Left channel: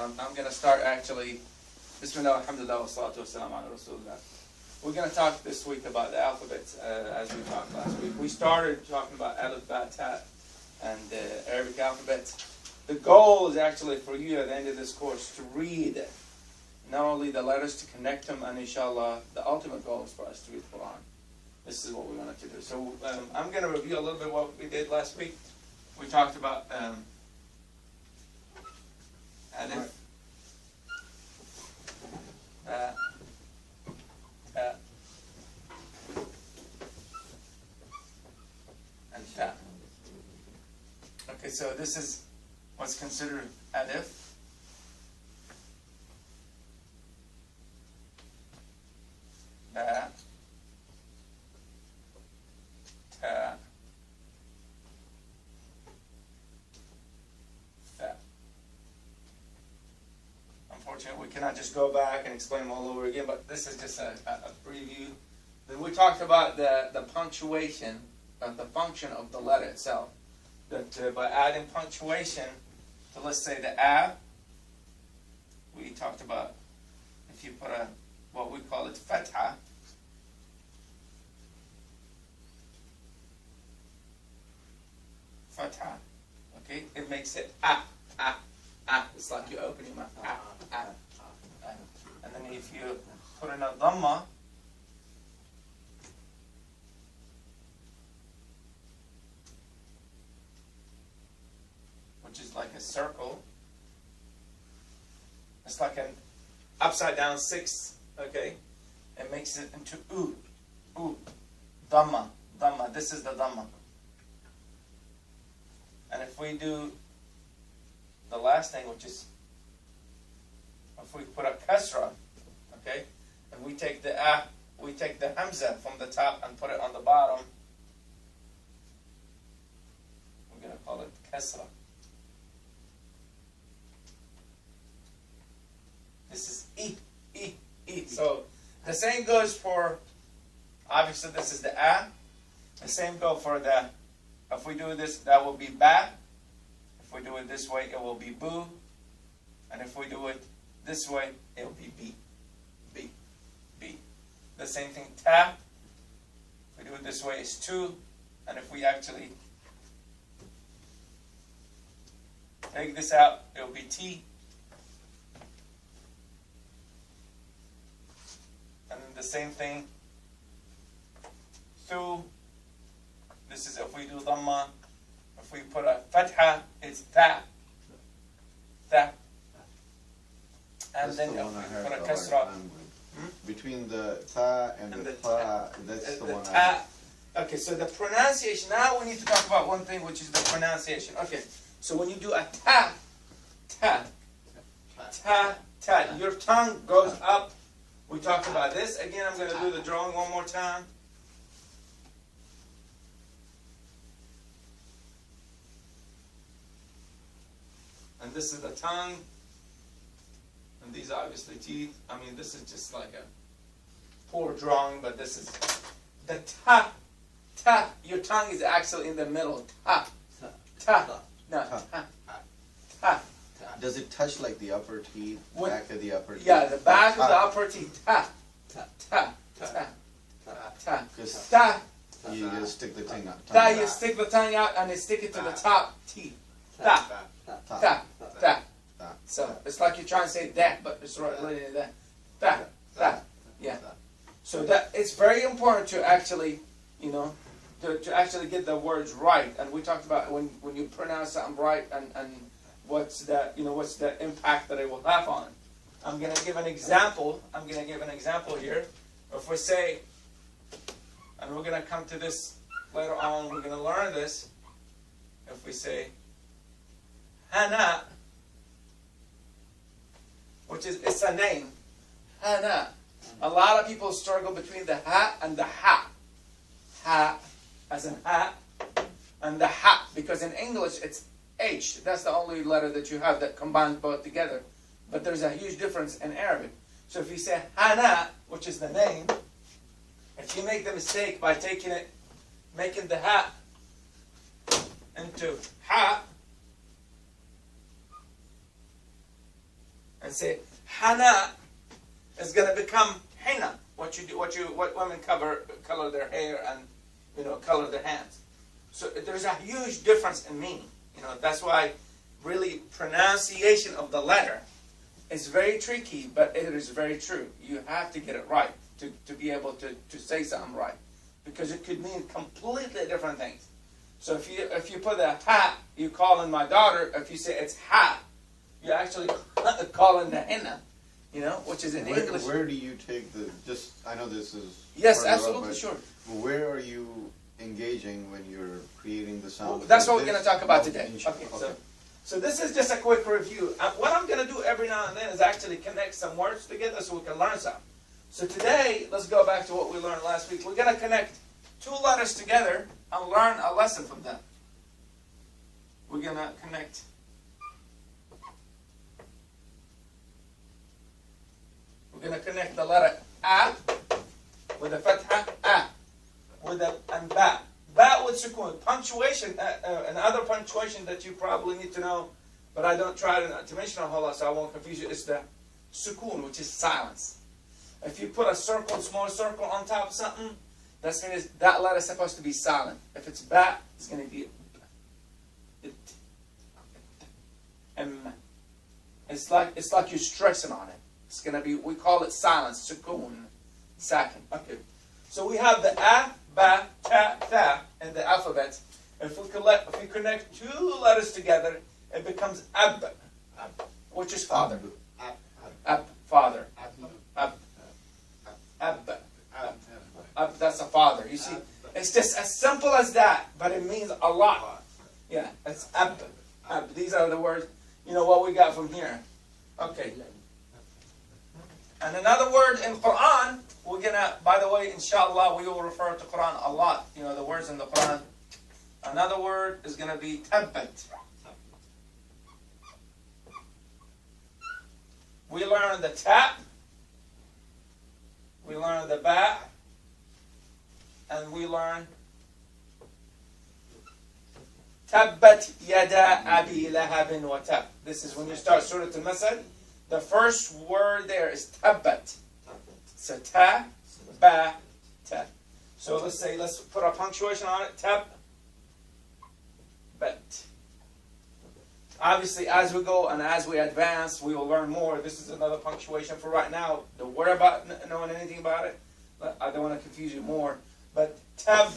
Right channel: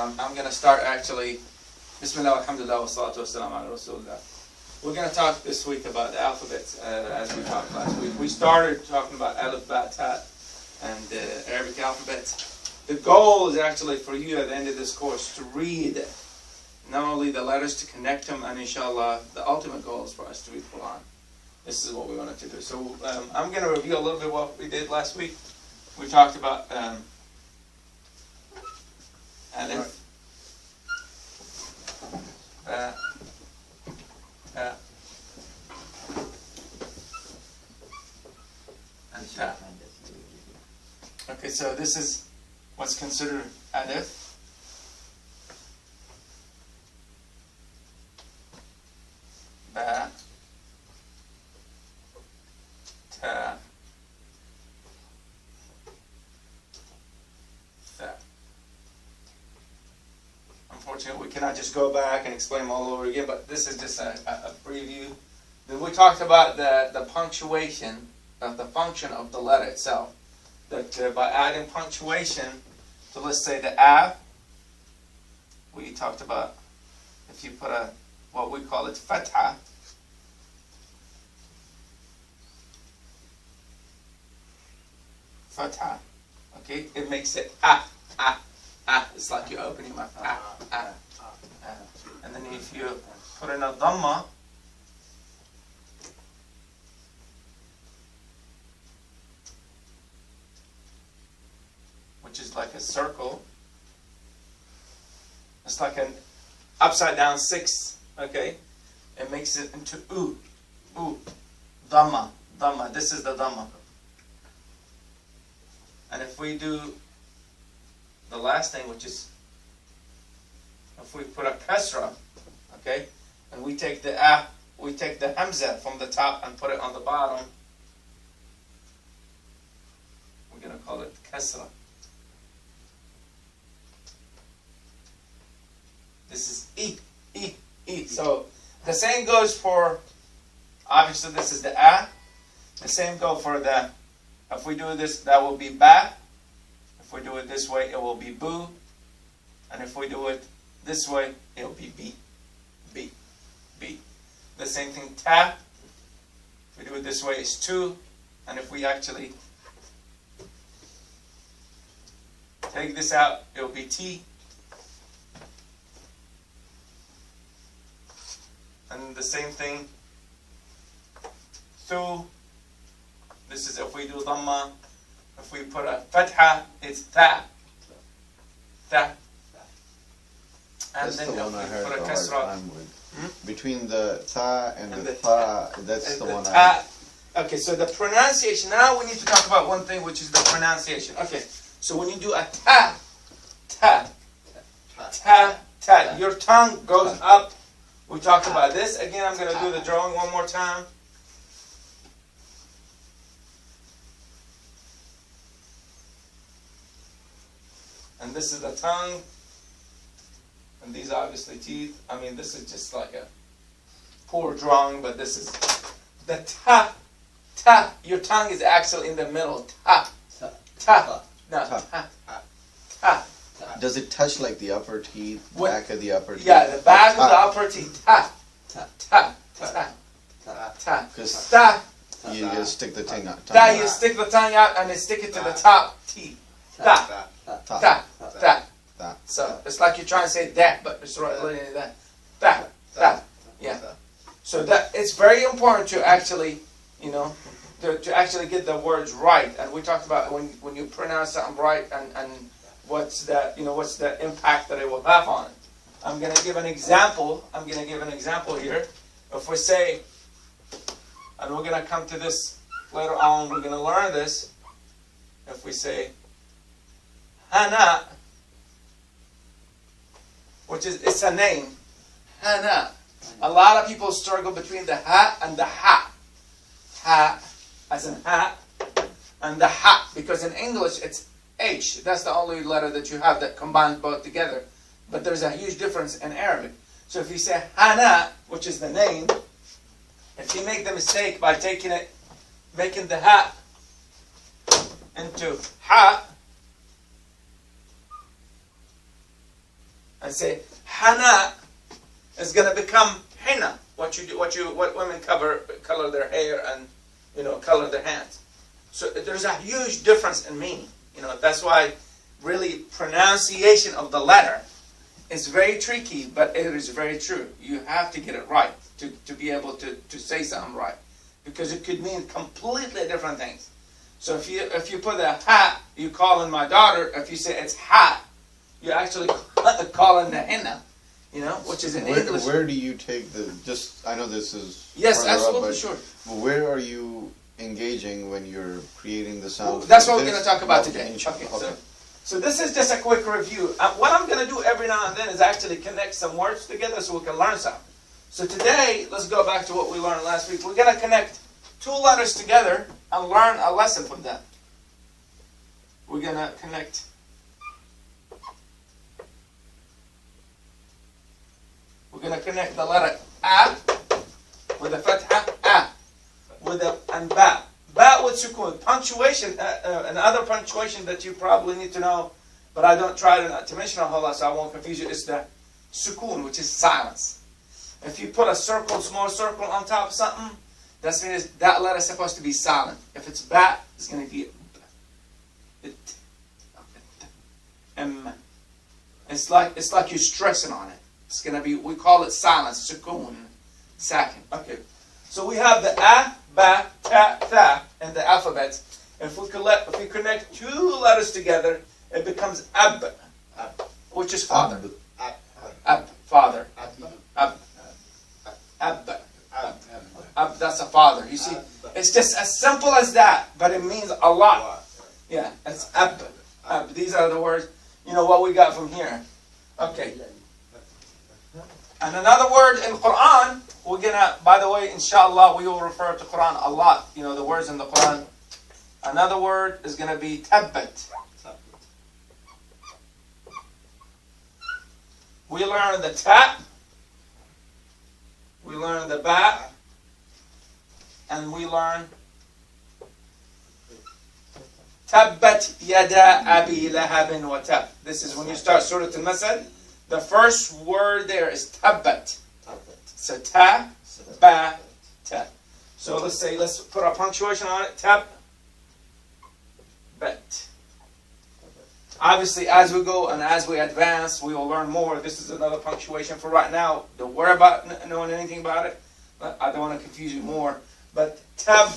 I'm going to start actually. Bismillah, alhamdulillah, wa salatu wa salam ala rasulullah. We're going to talk this week about the alphabets as we talked last week. We started talking about alif, ba, ta, and the Arabic alphabets. The goal is actually for you at the end of this course to read not only the letters, to connect them, and inshallah, the ultimate goal is for us to read the Quran. This is what we wanted to do. So I'm going to review a little bit what we did last week. We talked about alif, and ta. Okay, so this is what's considered alif. Ba, ta, tha. Unfortunately, we cannot just go back and explain them all over again, but this is just a preview. Then we talked about the punctuation, the function of the letter itself. That by adding punctuation to, let's say, the ab, we talked about if you put what we call it fatha, fatha, okay, it makes it ah. It's like you're opening your mouth. And then if you put in a dhamma, which is like a circle, it's like an upside down 6, okay? It makes it into dhamma, this is the dhamma. And if we do the last thing, which is, if we put a kasra, okay, and we take the hamza from the top and put it on the bottom, we're going to call it kasra. This is e. So the same goes for, obviously this is the a. The same goes for the, if we do this, that will be ba. If we do it this way, it will be boo. And if we do it this way, it will be b. The same thing, ta. If we do it this way, it's tu. And if we actually take this out, it will be t. And the same thing, thu. This is if we do dhamma. If we put a fatha, it's tha. And that's then the one I heard put a the kasra. hard time with. Between the tha and the tha, that's the one ta. Okay, so the pronunciation. Now we need to talk about one thing, which is the pronunciation. Okay, so when you do a ta, your tongue goes up. We talked about this. Again, I'm going to do the drawing one more time. And this is the tongue. And these are obviously teeth. I mean, this is just like a poor drawing, but this is the ta. Your tongue is actually in the middle. Ta. Does it touch like the upper teeth, back of the upper teeth? Yeah, the back of the upper teeth. Ta. Because Ta. you just stick the tongue out. You stick the tongue out and then stick it to the top teeth. Ta. So it's like you're trying to say that, but it's right that. Ta. Yeah. So that it's very important to actually, to actually get the words right. And we talked about when you pronounce something right and what's the impact that it will have on it. I'm going to give an example. Here. If we say, and we're going to come to this later on, we're going to learn this. If we say Hana, which is, it's a name, Hana. A lot of people struggle between the ha and the ha. Ha, as in ha, and the ha, because in English it's H. That's the only letter that you have that combines both together. But there's a huge difference in Arabic. So if you say Hana, which is the name, if you make the mistake by making the ha into ha, and say hana is going to become henna. What women color their hair and color their hands. So there's a huge difference in meaning. That's why really pronunciation of the letter is very tricky, but it is very true. You have to get it right to be able to say something right, because it could mean completely different things. So if you put a ha, you call in my daughter. If you say it's ha, you actually call in the henna. Which is in English. Where do you take the? I know this is. Yes, absolutely, sure. Where are you engaging when you're creating the sound? That's what we're going to talk about today. Okay. So this is just a quick review. What I'm going to do every now and then is actually connect some words together so we can learn some. So today, let's go back to what we learned last week. We're going to connect two letters together and learn a lesson from them. We're going to connect. We're going to connect the letter A with a fatha, A, with and ba. Ba with sukun. Punctuation, another punctuation that you probably need to know, but I don't try to mention a whole lot so I won't confuse you, is the sukun, which is silence. If you put a circle, small circle on top of something, that means that letter is supposed to be silent. If it's ba, it's going to be it's like you're stressing on it. It's going to be, we call it silence, sukun, sakin. Okay. So we have the a, ba, ta, tha in the alphabet. If we connect two letters together, it becomes ab, which is father. Ab, father. Ab, ab, ab, that's a father. You see, it's just as simple as that, but it means a lot. Yeah, it's ab, ab. These are the words. What we got from here. Okay. And another word in Quran, we're gonna, by the way, inshallah, we will refer to Quran a lot. The words in the Quran. Another word is gonna be tabbat. We learn the ta, we learn the ba, and we learn tabbat yada abi lahabin wa tab. This is when you start Surah Al-Masad. The first word there is tabbat. So ta, ba, ta. So let's put a punctuation on it. Tab, bet. Obviously, as we go and as we advance, we will learn more. This is another punctuation for right now. Don't worry about knowing anything about it. I don't want to confuse you more. But tab,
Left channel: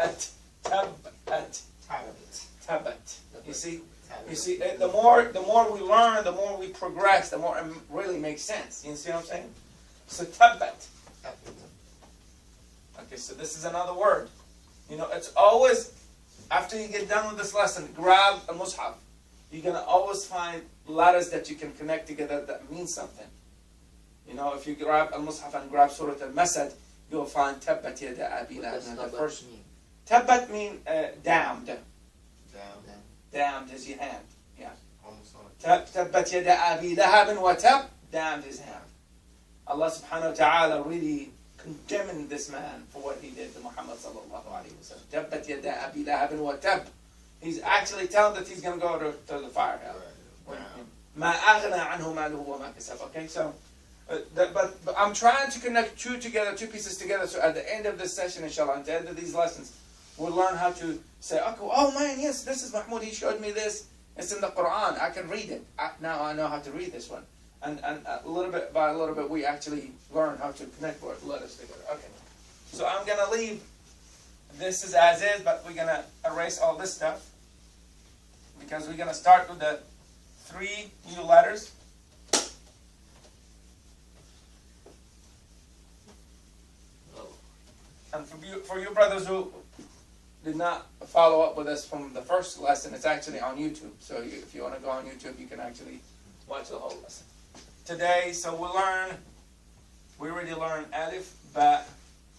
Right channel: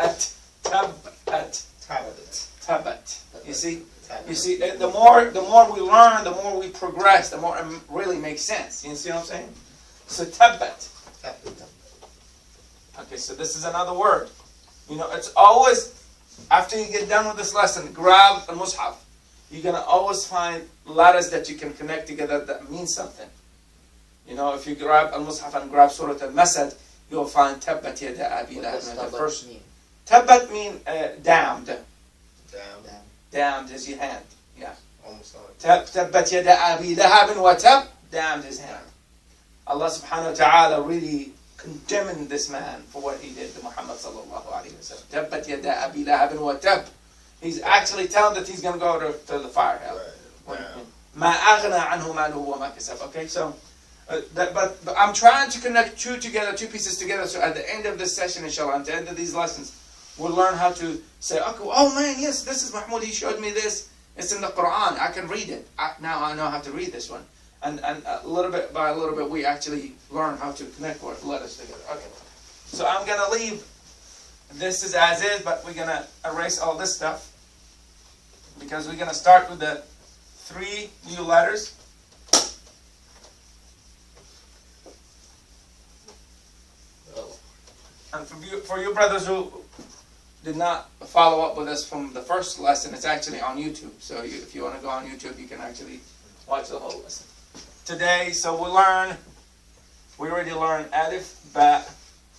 at, tabat. You see? You see, the more we learn, the more we progress, the more it really makes sense. You see what I'm saying? So tabbat. Okay, so this is another word. It's always, after you get done with this lesson, grab a mushaf. You're going to always find letters that you can connect together that mean something. If you grab al-mushaf and grab Surah Al-Masad, you'll find tabbat yada abi lahab. What does tabbat mean? Tabbat mean damned. Damned is your hand. Yeah. Almost like Tabbat yada abi lahabin wa tab. Damned his hand. Allah subhanahu wa ta'ala really condemning this man for what he did to Muhammad sallallahu alayhi wa sallam. Tabbat yada abi lahabin wa tab. He's actually telling that he's going to go to the fire hell. Ma aghna anhu maluhu wa ma kasab. Okay, so but I'm trying to connect two pieces together, so at the end of this session, inshallah, at the end of these lessons, we'll learn how to say, okay, oh man, yes, this is Mahmoud, he showed me this. It's in the Quran. I can read it. Now I know how to read this one. And a little bit by a little bit, we actually learn how to connect letters together. Okay. So I'm going to leave this is as is, but we're going to erase all this stuff because we're going to start with the 3 new letters. And for you brothers who did not follow up with us from the first lesson, it's actually on YouTube. So if you want to go on YouTube, you can actually watch the whole lesson. Today, so we already learned alif, ba,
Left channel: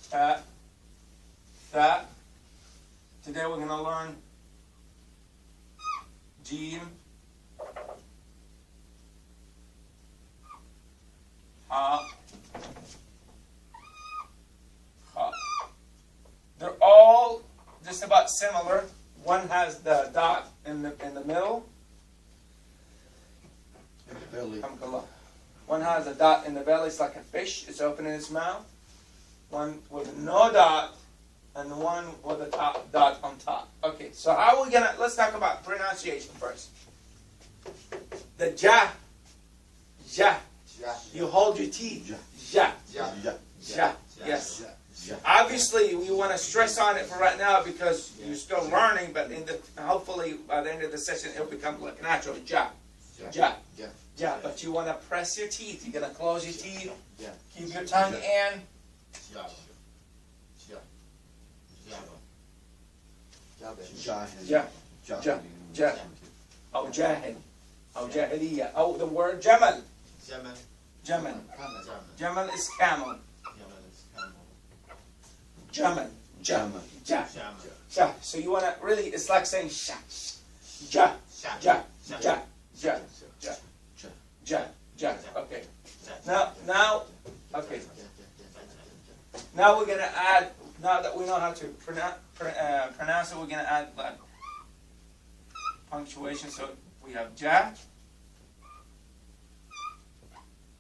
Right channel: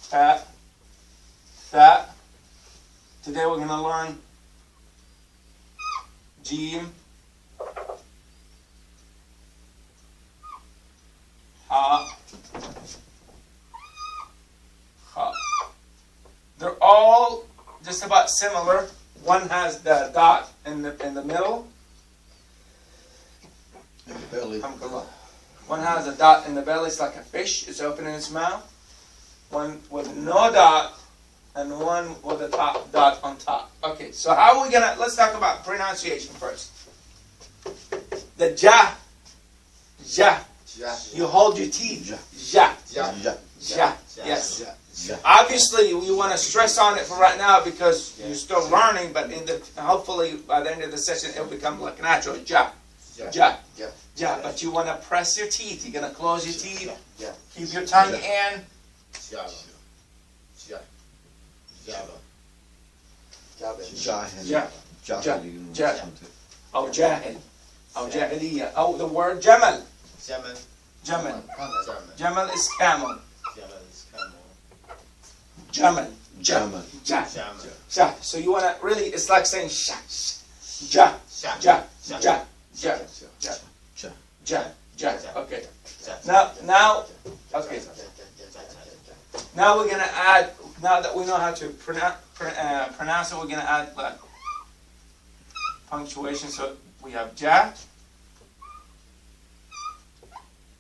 ta, tha. Today we're going to learn Jeem, Ha, Khaa. They're all just about similar. One has the dot in the middle. belly. One has a dot in the belly, it's like a fish, it's open in its mouth. One with no dot, and one with a dot on top. Okay, so how are we gonna, let's talk about pronunciation first. The ja, ja. You hold your teeth. Ja. Ja. Yes. Obviously, you want to stress on it for right now because you're still learning, but hopefully by the end of the session it'll become like natural. Ja. But you want to press your teeth. You're going to close your teeth. Keep your tongue in. Oh, jahil. Oh, jahiliya. Oh, the word jamal. Jamal. Jamal is camel. Jamal. So you want to really, it's like saying ja. Okay. Now, okay. Now we're going to add, now that we know how to pronounce it, we're going to add like punctuation. So we have ja.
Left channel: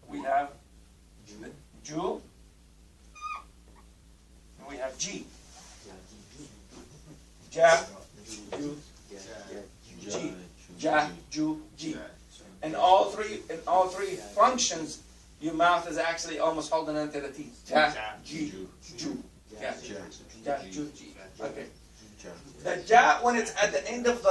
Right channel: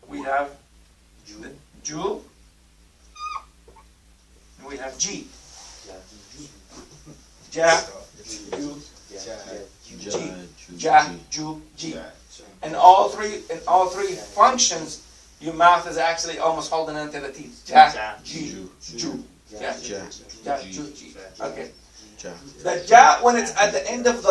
We have ju. And we have g. Ja, ju, g. Ja, ju, g. And all three functions, your mouth is actually almost holding onto the teeth. Ja, ji, ju. Ja, ju, ji. Okay. The ja, when it's at the end of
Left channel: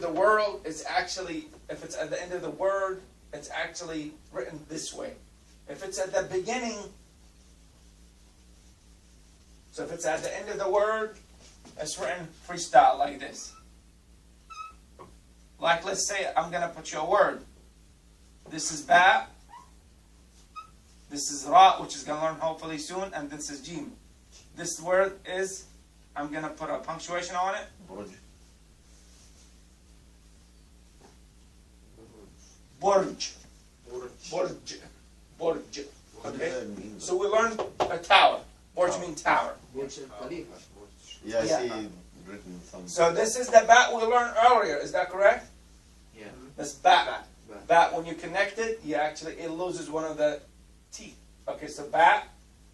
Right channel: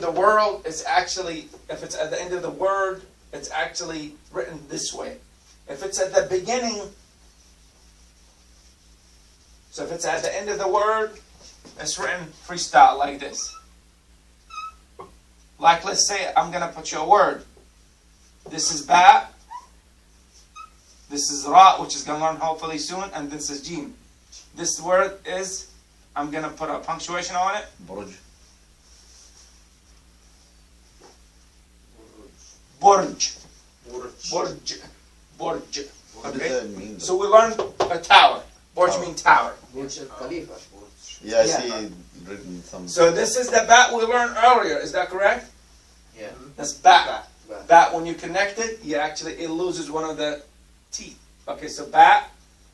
the world, it's actually, if it's at the end of the word, it's actually written this way. If it's at the beginning, so if it's at the end of the word, it's written freestyle like this. Like, let's say I'm going to put you a word. This is ba. This is ra, which is going to learn hopefully soon. And this is jeem. This word is, I'm going to put a punctuation on it. Burj. Burj. What does that mean? So we learned a tower. Burj means tower. Yeah, I see written some. So this is the bat we learned earlier. Is that correct? Yeah. That's bat. Bat, when you connect it, it loses one of the teeth. Okay, so bat.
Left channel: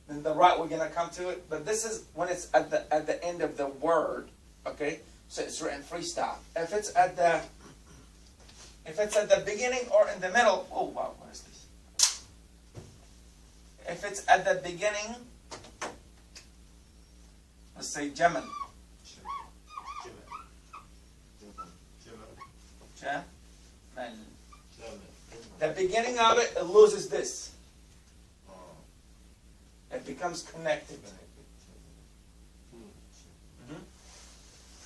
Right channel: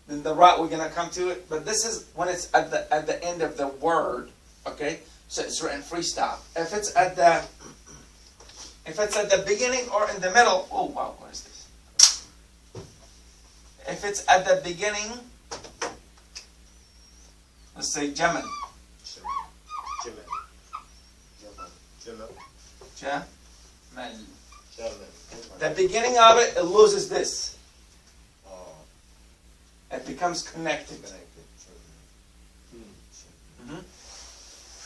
Then the ra, we're gonna come to it. But this is when it's at the end of the word. Okay, so it's written freestyle. If it's at the beginning or in the middle, oh wow, what is this? If it's at the beginning, let's say Jamal. The beginning of it, it loses this. It becomes connected.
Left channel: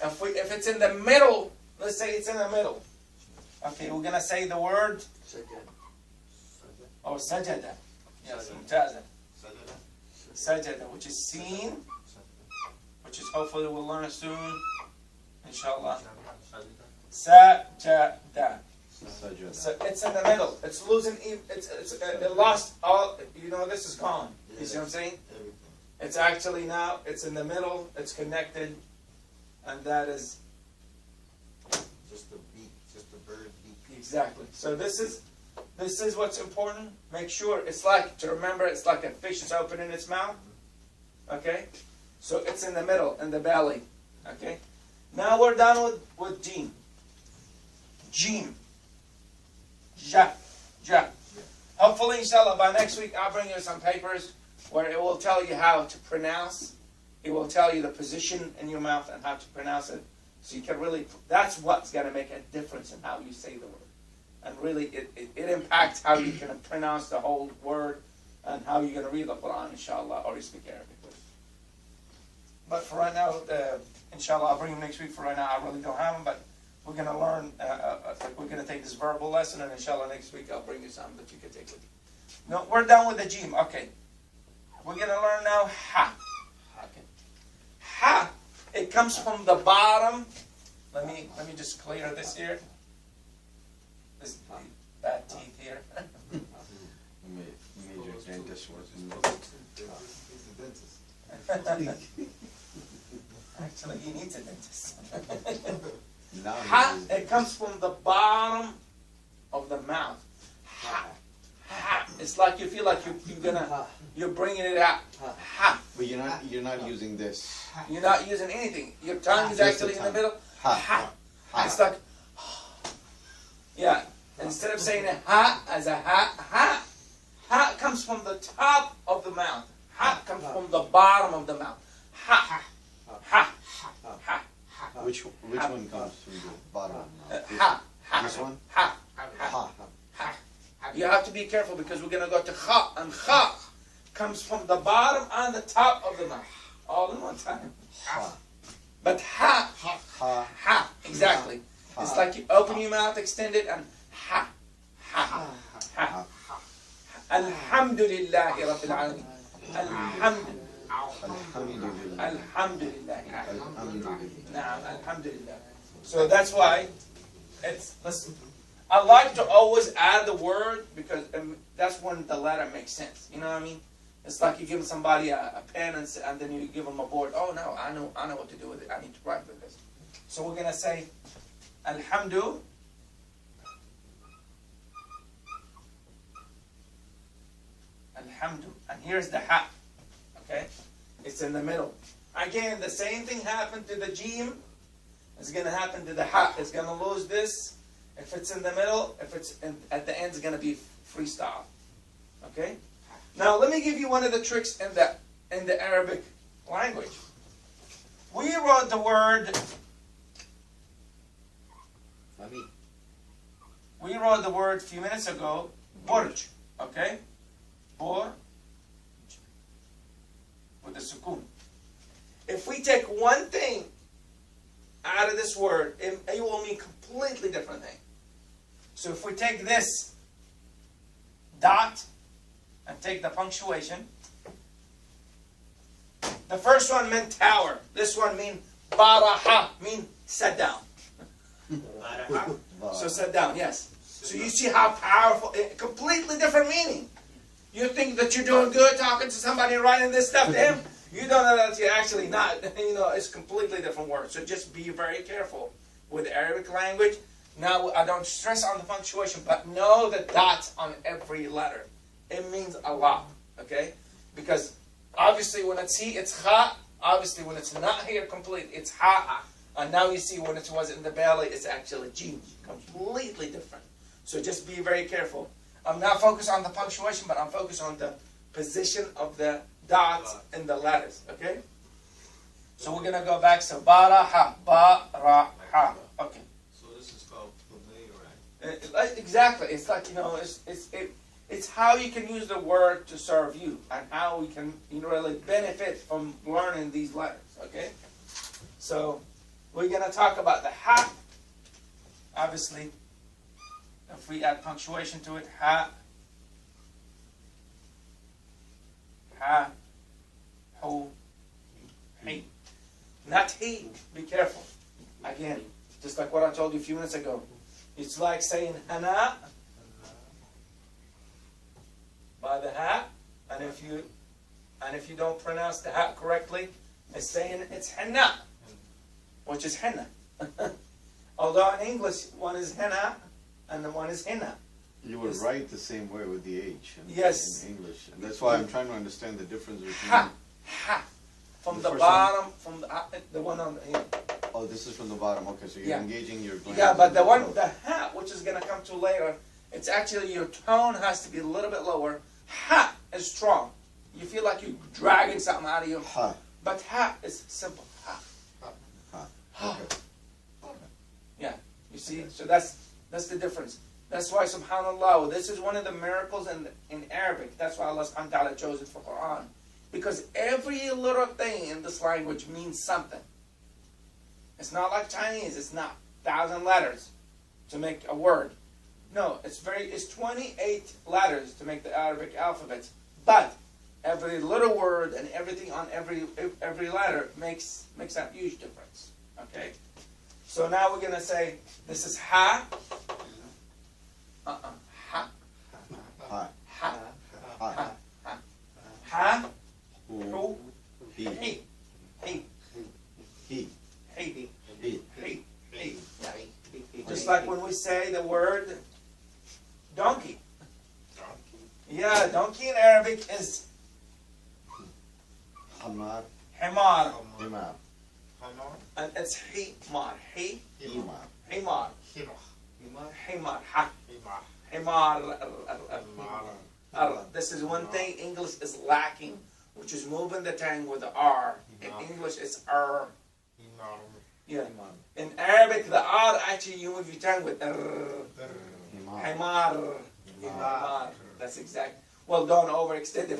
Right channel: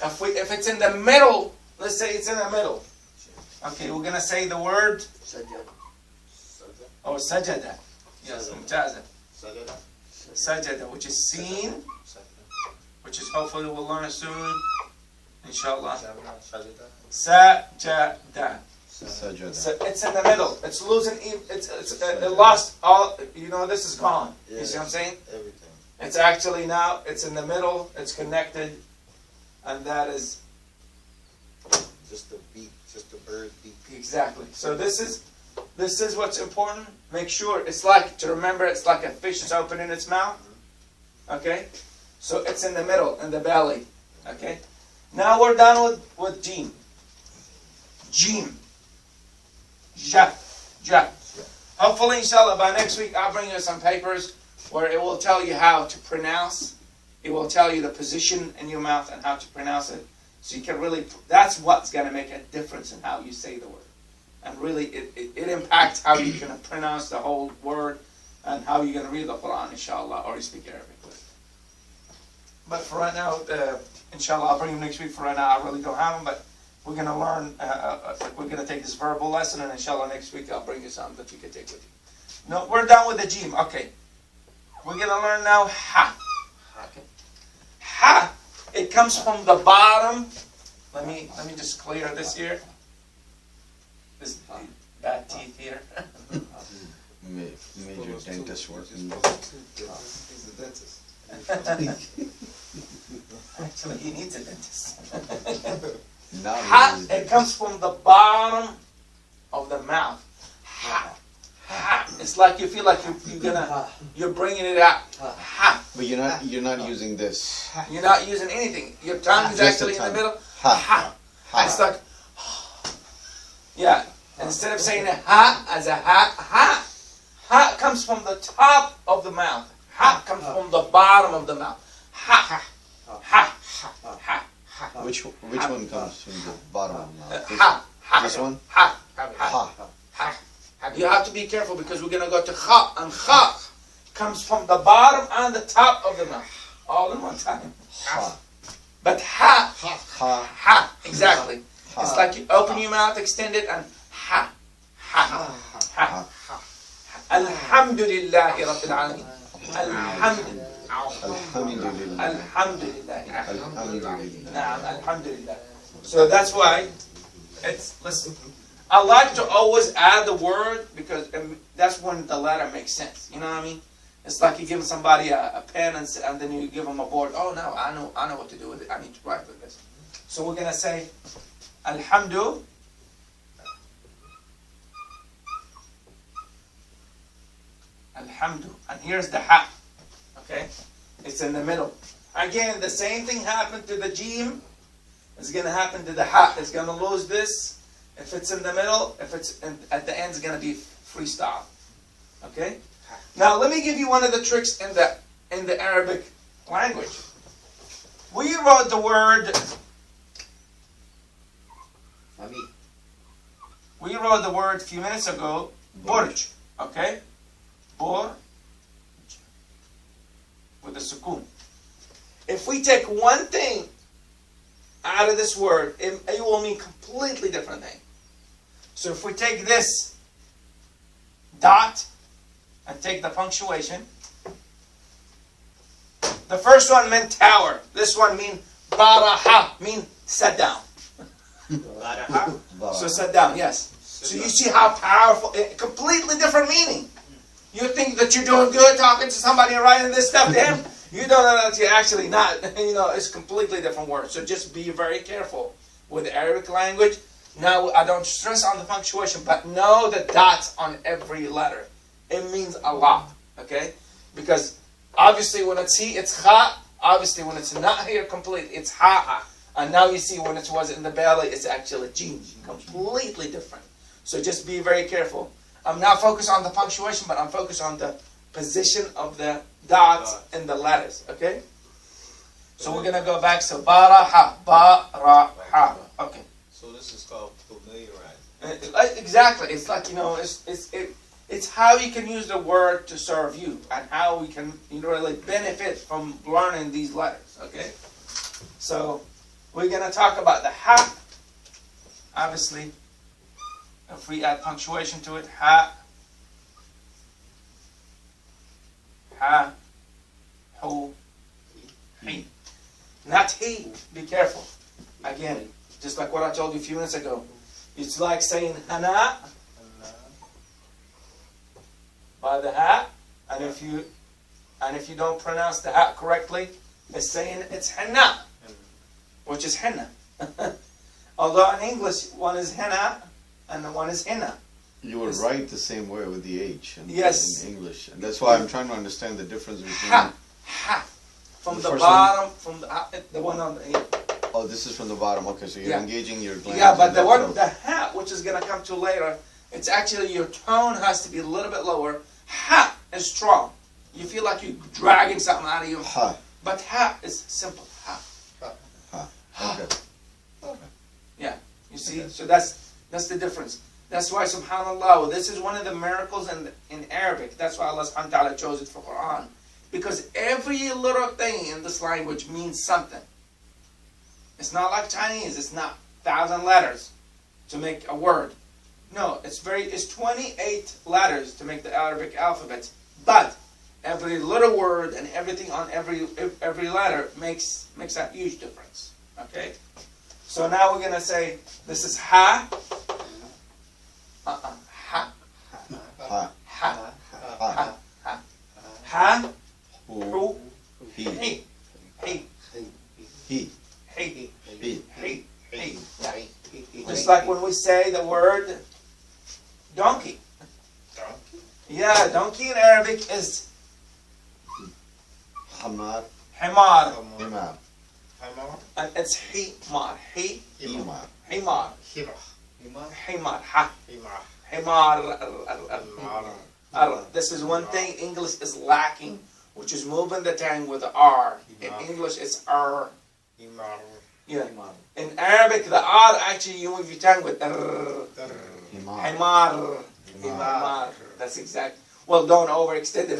If it's in the middle, let's say it's in the middle. Okay, we're gonna say the word. Oh, sajada. Yes, mumtaza. Sajada, which is seen, which is hopefully we'll learn soon, inshallah. Sajada. So it's in the middle. It's losing. It lost all. You know, this is gone. You see what I'm saying? Everything. It's actually now. It's in the middle. It's connected, and that is Just a beat, just a bird beat. exactly. So this is what's important. Make sure it's like, to remember, it's like a fish is open in its mouth. Okay, so it's in the middle, in the belly. Okay. Now we're done with Jeem. Jeem. Ja. Hopefully, inshallah, by next week I'll bring you some papers where it will tell you how to pronounce. It will tell you the position in your mouth and how to pronounce it. So you can really, that's what's going to make a difference in how you say the word. And really, it impacts how you're going to pronounce the whole word and how you're going to read the Quran, inshallah, or you speak Arabic. But for right now, inshallah, I'll bring them next week. For right now, I really don't have them, but we're going to learn, we're going to take this verbal lesson, and inshallah, next week I'll bring you some that you can take with you. No, we're done with the Jeem. Okay. We're going to learn now Ha. Okay. Ha. It comes from the bottom. Let me just clear this here. This bad teeth here. Major dentist working. He's the dentist. Actually, he needs a dentist. Now Ha. It comes from the bottom of the mouth. Ha. It's like you feel like you're bringing it out. Ha. But you're not using this. You're not using anything. Your tongue is Just the actually in the tongue. middle. Ha. Ha. Ha. It's like, yeah. Instead of saying a ha as a ha, ha. Ha comes from the top of the mouth. Ha comes from the bottom of the mouth. Ha. Ha. Ha. Which one comes from the bottom of the mouth? Ha. This one? Ha. Ha. Ha. You have to be careful because we're going to go to Khaa, and Khaa comes from the bottom and the top of the mouth, all in one time. Ha. But ha, Ha. ha, exactly. Ha. It's like you open your mouth, extend it, and ha, ha, ha. Alhamdulillahi Rabbil Alameen. Alhamdulillah. Alhamdulillah. Alhamdulillah. Alhamdulillah. Alhamdulillah. So that's why listen. I like to always add the word because that's when the letter makes sense. You know what I mean? It's like you give somebody a pen and then you give them a board. Oh, now I know what to do with it. I need to write with this. So we're gonna say Alhamdu. Alhamdu. And here's the ha. Okay? It's in the middle. Again, the same thing happened to the Jeem. It's gonna happen to the ha. It's gonna lose this. If it's in the middle, if it's at the end, it's going to be freestyle. Okay? Now let me give you one of the tricks in the Arabic language. We wrote the word. We wrote the word a few minutes ago. Burj. Okay? Bor. With the sukoon. If we take one thing out of this word, it will mean completely different thing. So if we take this dot and take the punctuation, the first one meant tower. This one mean baraha, mean sit down. So sit down, yes. So you see how powerful, completely different meaning. You think that you're doing good talking to somebody and writing this stuff to him? You don't know that you're actually not. You know, it's a completely different word. So just be very careful with the Arabic language. Now, I don't stress on the punctuation, but know the dots on every letter. It means a lot, okay? Because obviously when it's he, it's kha. Obviously when it's not here complete, it's ha. And now you see when it was in the belly, it's actually jeem. Completely different. So just be very careful. I'm not focused on the punctuation, but I'm focused on the position of the dots in the letters, okay? So we're going to go back to baraha, baraha. Okay. So this is called familiarize. Exactly. It's like, you know, it's how you can use the word to serve you and how we can really benefit from learning these letters, okay? So we're going to talk about the ha. Obviously, if we add punctuation to it, ha, ha, ho, he. Not he. Be careful. Again, just like what I told you a few minutes ago. It's like saying hana by the ha, and if you don't pronounce the ha correctly, it's saying it's henna, which is henna. Although in English, one is henna and one is henna. You would write the same way with the H in English. And that's why I'm trying to understand the difference between... Ha, ha. From the bottom, from the one on the... Oh, this is from the bottom. Okay, so you're engaging your glands. Yeah, but the one, the ha, which is going to come to later, it's actually your tone has to be a little bit lower. Ha is strong. You feel like you're dragging something out of you. Ha. But ha is simple. Ha. Ha. Okay. Yeah, you see? So that's the difference. That's why, subhanAllah, this is one of the miracles in Arabic. That's why Allah subhanahu wa ta'ala chose it for Quran. Because every little thing in this language means something. It's not like Chinese. It's not 1,000 letters to make a word. No, it's 28 letters to make the Arabic alphabet. But every little word and everything on every letter makes a huge difference. Okay? So now we're going to say, this is ha. Ha. Ha. Ha. Ha. Ha. Ha. Who. He. He. He. He. He. He. He. Just like when we say the word donkey. Yeah, donkey in Arabic is Hamar. himar. Himar. And it's himar. Himar. Himar. Himar. Himar. Ha. Himar. Himar. This is one thing English is lacking, which is moving the tongue with the R. In English, it's R. Himar. Yeah. In Arabic, the R actually you move your tongue with R. Himar. Himar. Himar. That's exact. Well, don't overextend it.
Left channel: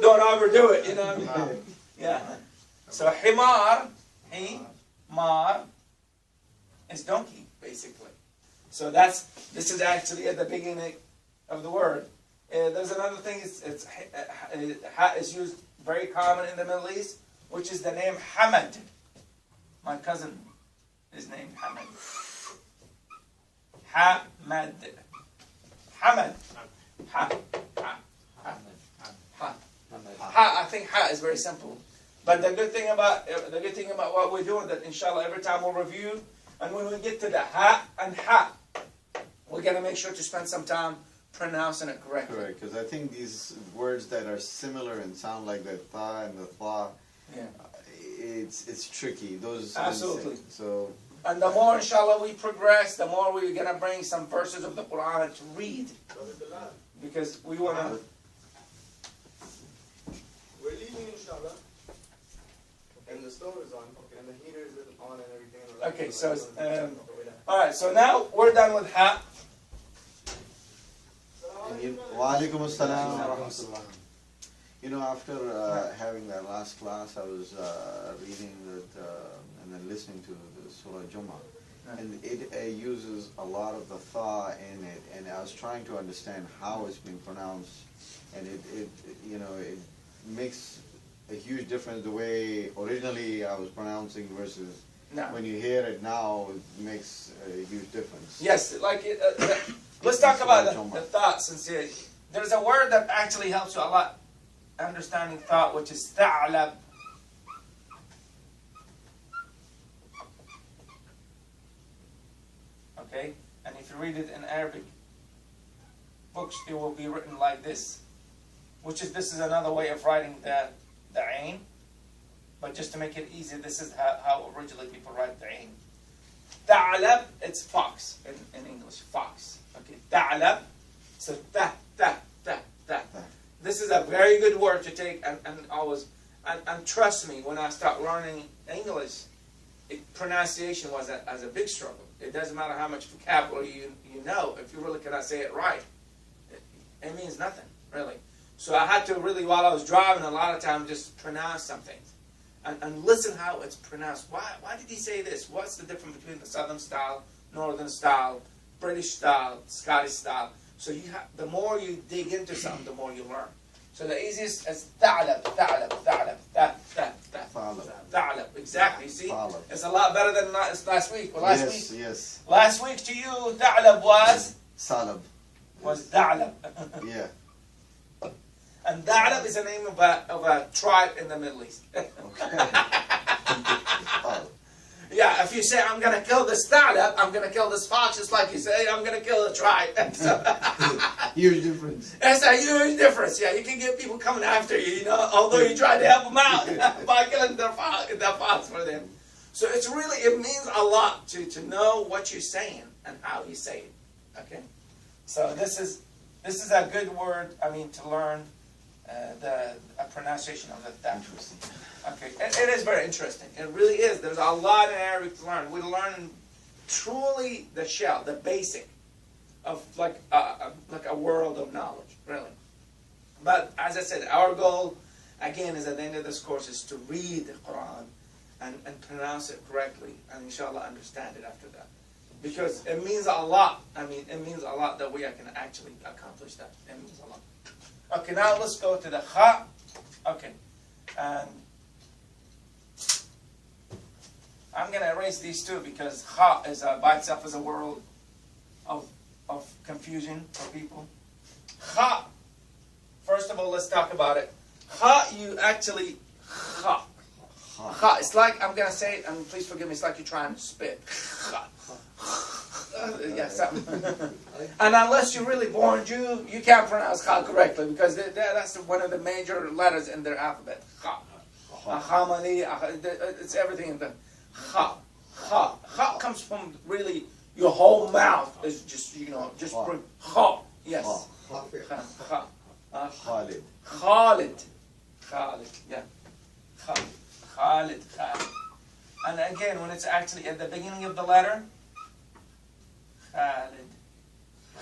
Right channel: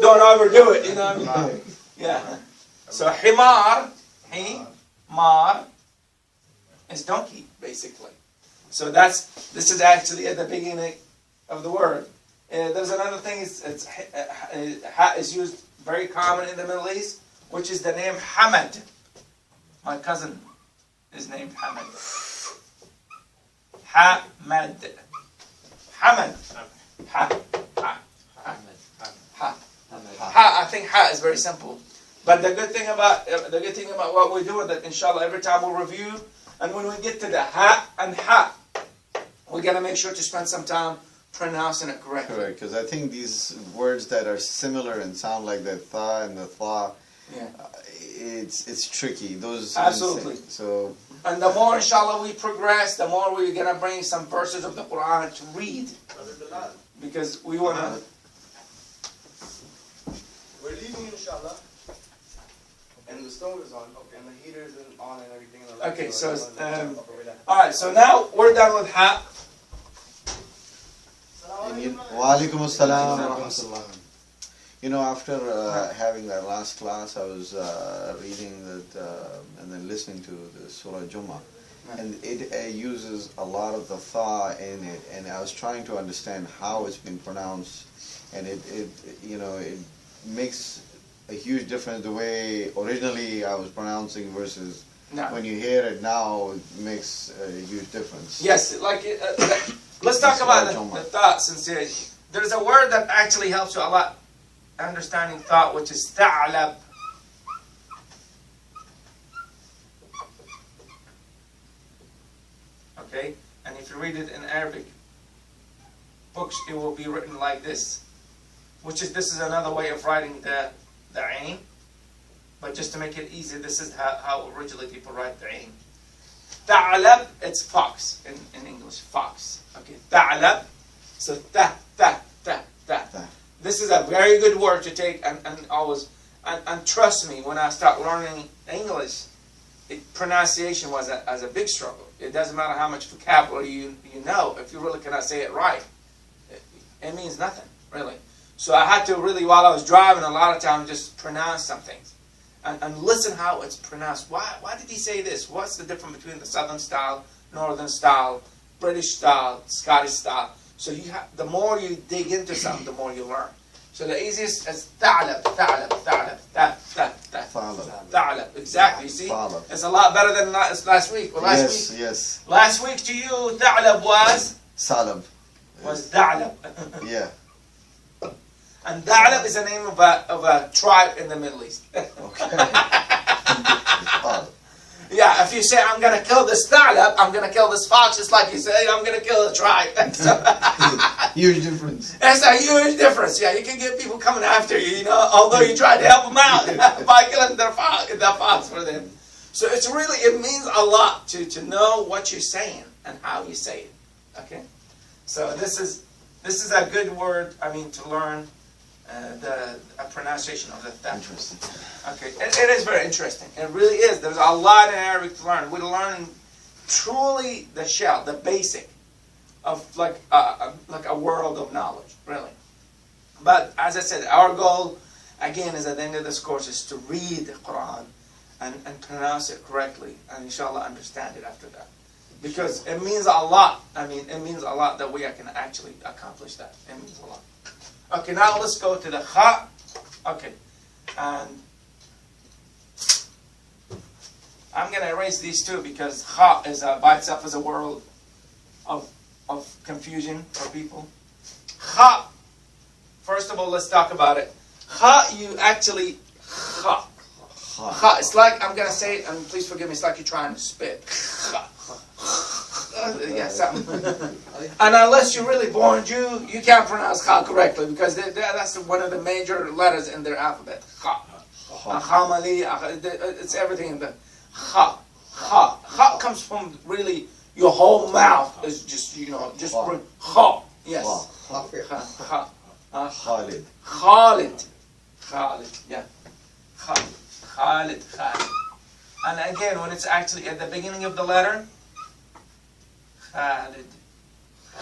Don't overdo it. You know what I mean? Yeah. So himar, himar, is donkey basically. So this is actually at the beginning of the word. There's another thing. Ha is used very common in the Middle East, which is the name Hamad. My cousin is named Hamad. Hamad. Hamad. Ha. Ha. Ha. Ha. I think ha is very simple. But the good thing about what we're doing, that inshallah every time we'll review, and when we get to the ha and ha, we're gonna make sure to spend some time pronouncing it correctly. Correct, because I think these words that are similar and sound like the tha and the tha, it's tricky. Those absolutely. So. And the more inshallah we progress, the more we're gonna bring some verses of the Quran to read, because we wanna. We're leaving inshallah. And the stove is on, and the heater is on, and everything. Okay, so all right. So now we're done with ha. Wa alaikum assalam wa rahmatullah. You know, after having that last class, I was reading that and then listening to the Surah Jummah, and it uses a lot of the tha in it, and I was trying to understand how it's been pronounced, and it makes a huge difference the way originally I was pronouncing versus when you hear it now, it makes a huge difference. Yes, like let's talk about the thought sincerity. There's a word that actually helps you a lot understanding thought, which is tha'lab. Okay, and if you read it in Arabic books, it will be written like this, this is another way of writing the ain, but just to make it easy, this is how originally people write the ain. Tha'lab, it's fox in English, fox. Okay, tha'lab, so ta. This is a very good word to take and always, and trust me, when I start learning English, pronunciation was a big struggle. It doesn't matter how much vocabulary you know, if you really cannot say it right, it means nothing, really. So I had to really, while I was driving, a lot of times just pronounce some things. And listen how it's pronounced. Why did he say this? What's the difference between the Southern style, Northern style, British style, Scottish style? So the more you dig into something, the more you learn. So the easiest is tha'lab. Exactly. You see, Tha'lab. it's a lot better than last week. Well, Yes. Last week to you, tha'lab was Salab. tha'lab. Yeah. And tha'lab is the name of a tribe in the Middle East. Okay. Yeah, if you say, I'm going to kill this tha'lab, I'm going to kill this fox, it's like you say, I'm going to kill the tribe. Huge difference. That's a huge difference. Yeah, you can get people coming after you, although you tried to help them out by killing their fox for them. So it means a lot to know what you're saying and how you say it. Okay? So this is a good word, to learn a pronunciation of the tha'lab. Interesting. Okay, it is very interesting. It really is. There's a lot in Arabic to learn. We're learning truly the shell, the basic of like a world of knowledge, really. But as I said, our goal, again, is at the end of this course is to read the Quran and pronounce it correctly, and inshallah understand it after that. Because it means a lot. It means a lot that we can actually accomplish that. It means a lot. Okay, now let's go to the Khaa. Okay, and I'm going to erase these two because Khaa is by itself is a world of confusion for people. Khaa. First of all, let's talk about it. Khaa, you actually Khaa. Khaa. It's like, I'm going to say it, and please forgive me, it's like you're trying to spit. Khaa. Yeah, something. And unless you're really born Jew, you can't pronounce Khaa correctly because that's one of the major letters in their alphabet. Khaa. Khamali, it's everything in the Khaa. Khaa. Khaa comes from really your whole mouth is just, just bring Khaa. Yes. Khaa. Khalid. Khalid. Khalid. Yeah. Khalid. Khalid. And again, when it's actually at the beginning of the letter, Khalid.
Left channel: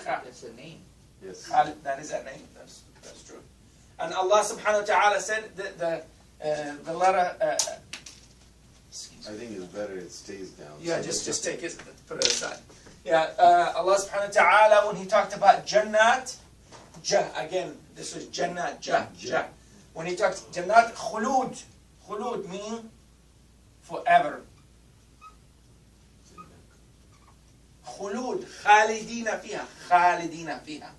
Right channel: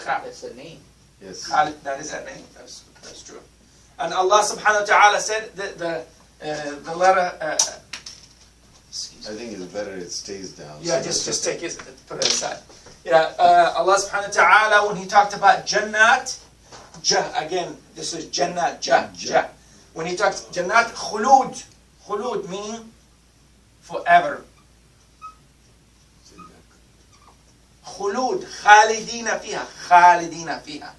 That's a name. Yes. Khalid, that is that name. That's true. And Allah subhanahu wa ta'ala said that the letter, I think it's better it stays down. yeah, just take it, put it aside. Yeah, Allah subhanahu wa ta'ala, when He talked about Jannat, again, this is Jannat, Jah. When He talked Jannat, Khulud meaning forever. Khulud, Khalidina fiha,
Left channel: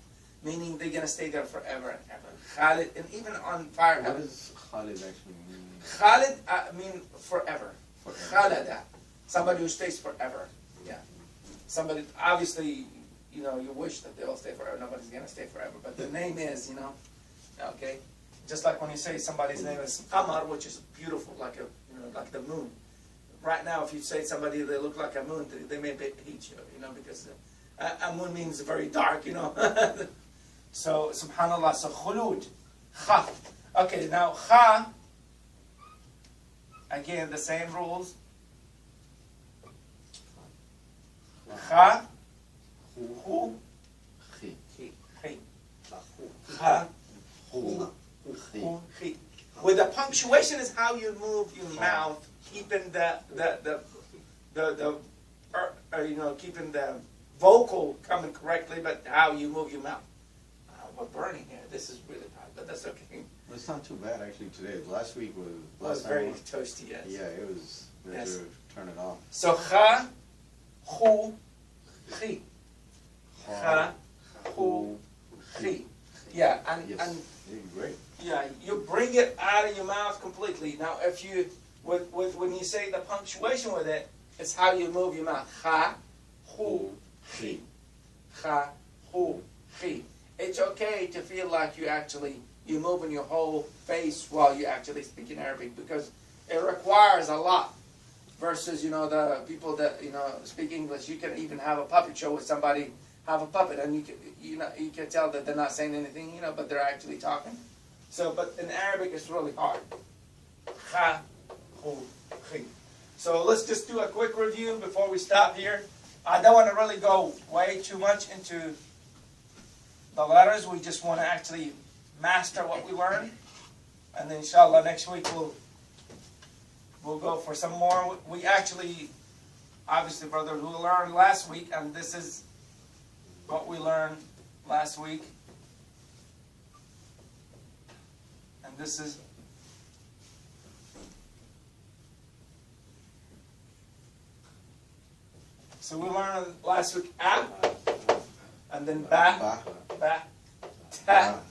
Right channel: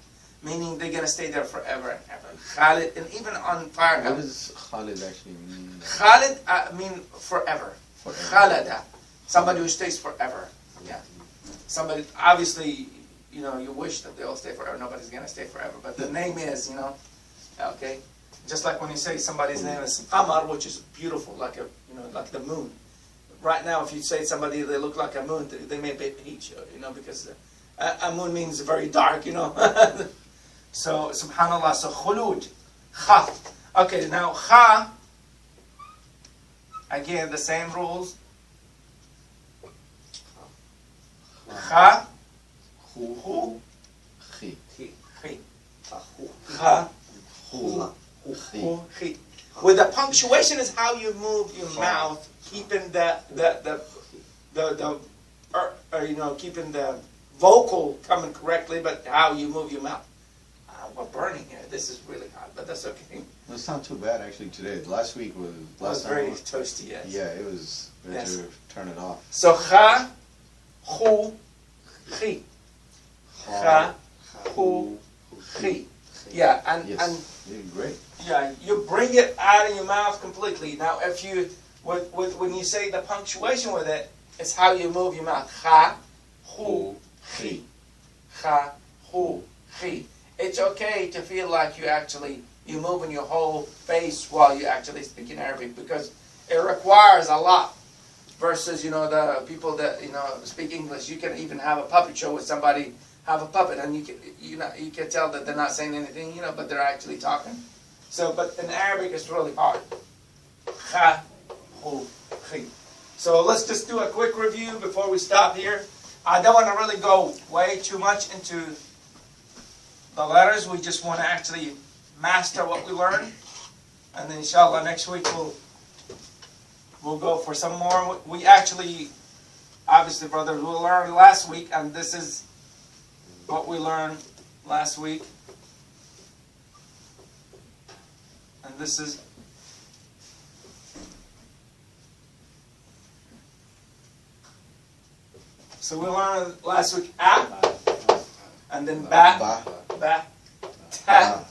meaning they're going to stay there forever and ever. Khalid, and even on fire. What does Khalid actually mean? Khalid mean forever. Forever. Khalada, somebody who stays forever. Yeah. Somebody, obviously, you wish that they'll stay forever. Nobody's going to stay forever. But the name is, okay. Just like when you say somebody's name is Qamar, which is beautiful, like like the moon. Right now, if you say somebody they look like a moon, they may hate you, because a moon means very dark, So, subhanallah, so khulud, Kha. Okay, now Kha, again, the same rules. Kha, hu, Khi. Kha, Hu. hu, khi. With the punctuation is how you move your mouth, keeping keeping the vocal coming correctly, but how you move your mouth. We're burning here. This is really hot, but that's okay. It's not too bad actually today. Last week was It was very toasty, yes. Yeah, it was. We had to turn it off. So Kha, hu, khi. Kha, hu, khi. Yeah, and Great. yeah, you bring it out of your mouth completely. Now, if you when you say the punctuation with it, it's how you move your mouth. Kha, hu, khi. Kha, hu, khi. It's okay to feel like you're moving your whole face while you're actually speaking Arabic because it requires a lot. Versus, the people that speak English, you can even have a puppet show with somebody, have a puppet, and you can tell that they're not saying anything, but they're actually talking. So, but in Arabic, it's really hard. Kha, hu, khi. So let's just do a quick review before we stop here. I don't want to really go way too much into the letters. We just want to actually master what we learned, and then inshallah next week we'll go for some more. We actually, obviously, brothers, we learned last week, and this is what we learned last week. And this is so we learned last week a, and then ba, ta,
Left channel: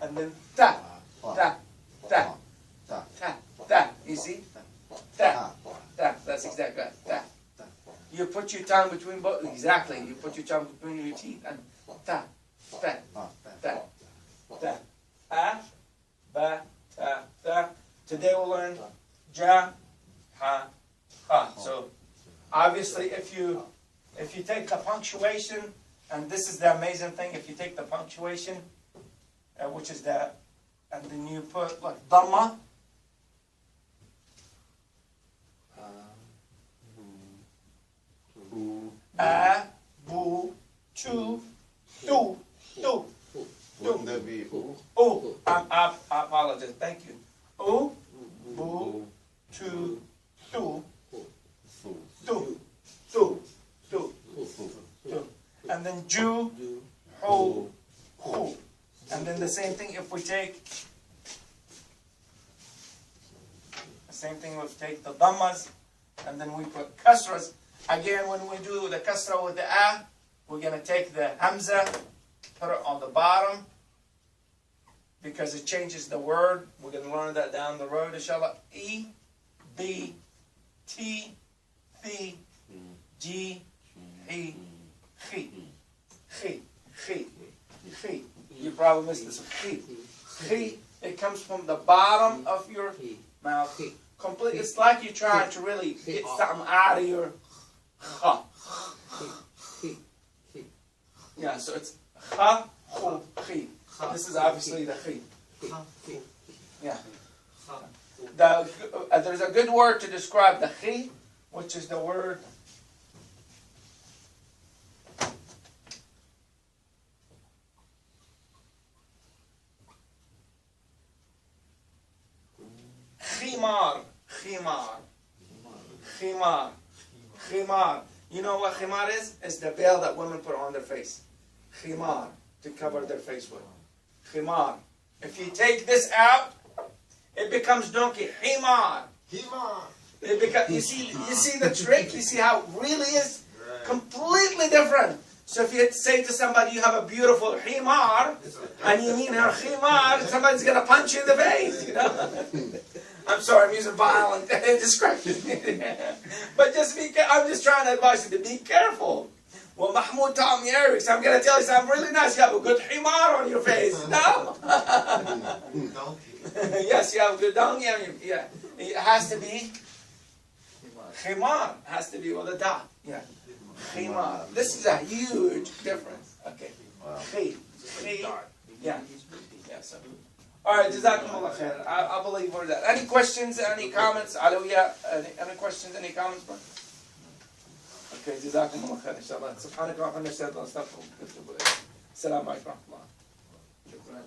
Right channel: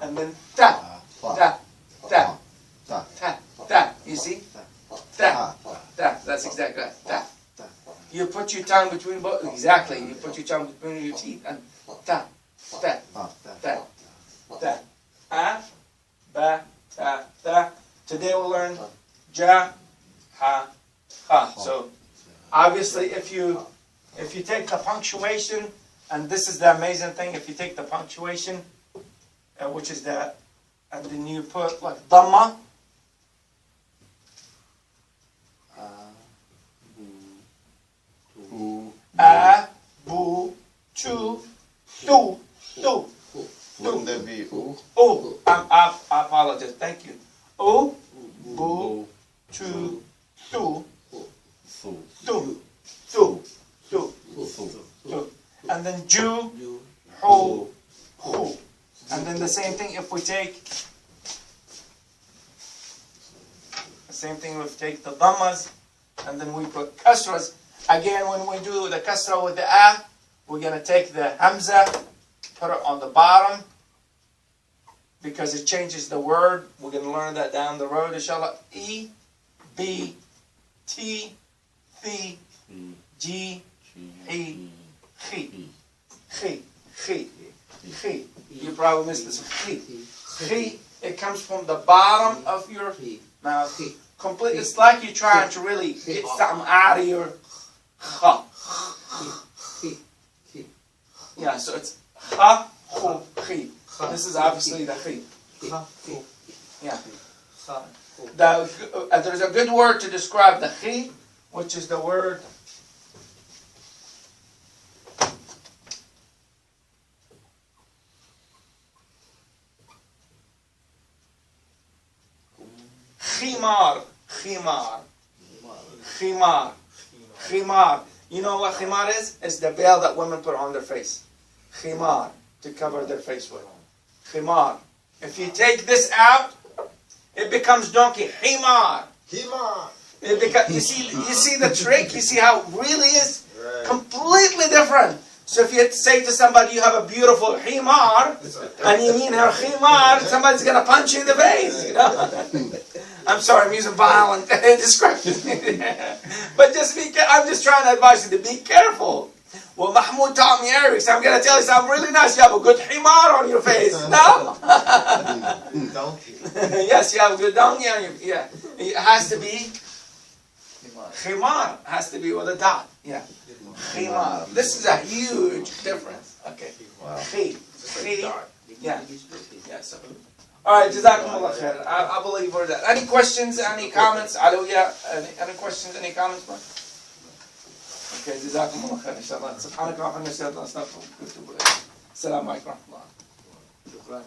and then ta, ta. You see? Ta. That's exactly right. Ta. You put your tongue between both. Exactly. You put your tongue between your teeth and ta. A, ba, ta. Today we'll learn ja, ha, ha. So obviously, if you take the punctuation, and this is the amazing thing, if you take the punctuation, which is that, and then you put like dhamma. A, bu, tu, tu. Wouldn't that be ooh? Oh, I apologize. Thank you. O, bu, tu, tu, and then ju, hu, hu. And then the same thing if we take the dhammas, and then we put kasras. Again, when we do the kasra with the a, we're going to take the hamza, put it on the bottom, because it changes the word. We're going to learn that down the road, inshallah. E, B, T, B, G, he, he, he, he. You probably missed this one. He. It comes from the bottom of your mouth. Completely. It's like you're trying to really get something out of your kha. Yeah, so it's kha, hu, he. This is obviously the he. Yeah. There's a good word to describe the he, which is the word khimar. Khimar. Khimar. Khimar. You know what khimar is? It's the veil that women put on their face. Khimar. To cover their face with. Khimar. If you take this out, it becomes donkey. Himar. Himar. You see the trick? You see how it really is completely different. So if you say to somebody you have a beautiful himar, and you mean her himar, somebody's going to punch you in the face. You know? I'm sorry, I'm using violent description. But I'm just trying to advise you to be careful. Well, Mahmoud taught me Arabic, so I'm going to tell you something really nice. You have a good himar on your face. No? Donkey. Yes, you have a good donkey on your face. Yeah. It has to be himar. Has to be with a dot. Yeah. Himar. This is a huge difference. Okay. Wow. Yeah. Yeah. So. All right. Jazakumullah khair. I believe we're that. Any questions? Any comments? Alawiyah? Any questions? Any comments? Okay. Jazakumullah khair. Inshallah. Subhanaka wa bihamdika. Assalamu alaikum wa rahmatullah.